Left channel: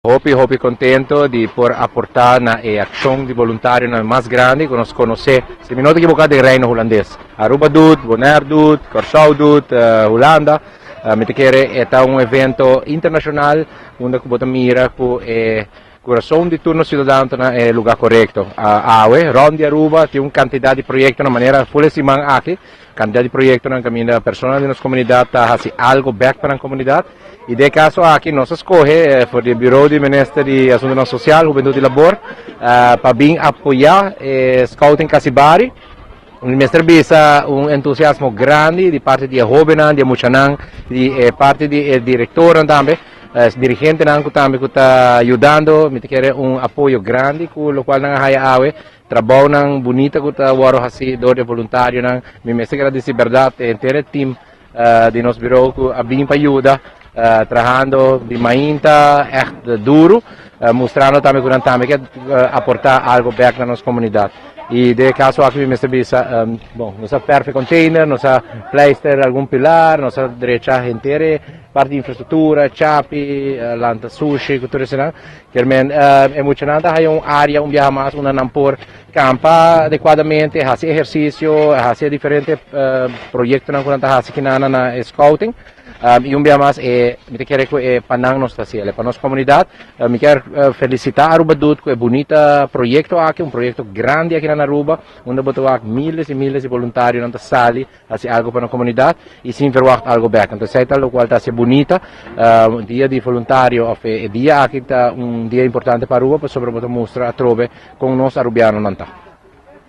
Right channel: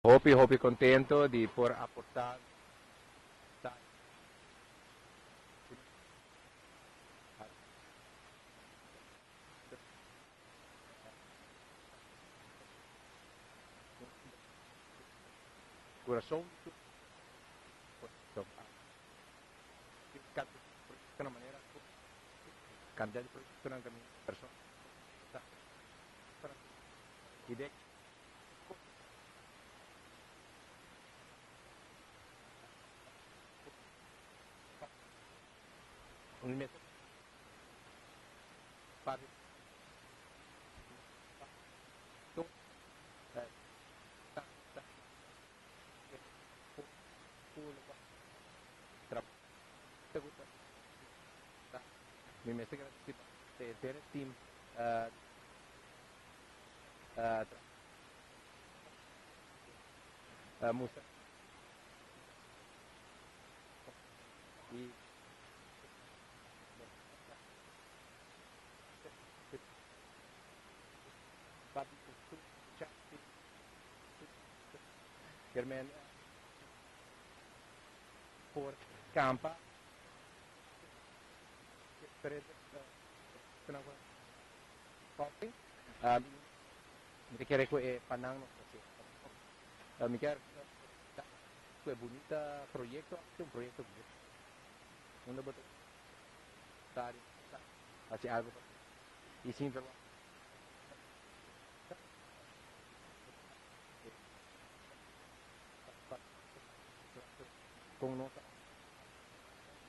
Hopi contento di apportare una azione di volontario mais grande, conosco se mi noto equivocado del reino holandês. Aruba doet, Bonaire doet, Curaçao doet, Holanda. Mi chiede è un evento internazionale onde que mira que Curaçao di turno cidadano è il lugar corretto. Aue, Rondi Aruba, tem una quantità di progetti in maniera full simang aqui, quantità di progetti na caminho persone della comunità hasi algo back para a comunidade. E de caso aqui nós escolhe por o Bureau de Ministério de Assuntos Social, Juventude e Labor, para vir apoiar Scouting Casibari. O Ministério bisa um entusiasmo grande de parte de jovens, de muchanan, de parte de diretor também, dirigente também que está ajudando, me quer apoio grande, com o qual não há trabalho nang bonita que está waro assim do voluntário nang, me agradecer verdade inteiro team de nosso bureau que abim para ajuda. Trabajando de mainta, echt duro, mostrando também que aportar algo back na nossa comunidade. E de caso aqui me bisa, nossa perfect container, nossa pleister algum pilar, nossa direita inteira, parte de infraestrutura, chapi, lanta sushi, tudo isso, que é muito nada, há uma área, viaja mais, uma nampor, campa adequadamente, faz exercício, faz diferentes projetos na scouting. E um dia mais me quero que panang nos fazer para nossa comunidade me quero felicitar Aruba Dut que é bonita projeto aqui projeto grande aqui na Aruba onde botar miles e miles de voluntários na sala fazer algo para a comunidade e sim verwacht algo back então sei tal qual está bonita dia de voluntário é dia aqui está dia importante para Aruba para sobre mostrar a trove com nós arubiano nanta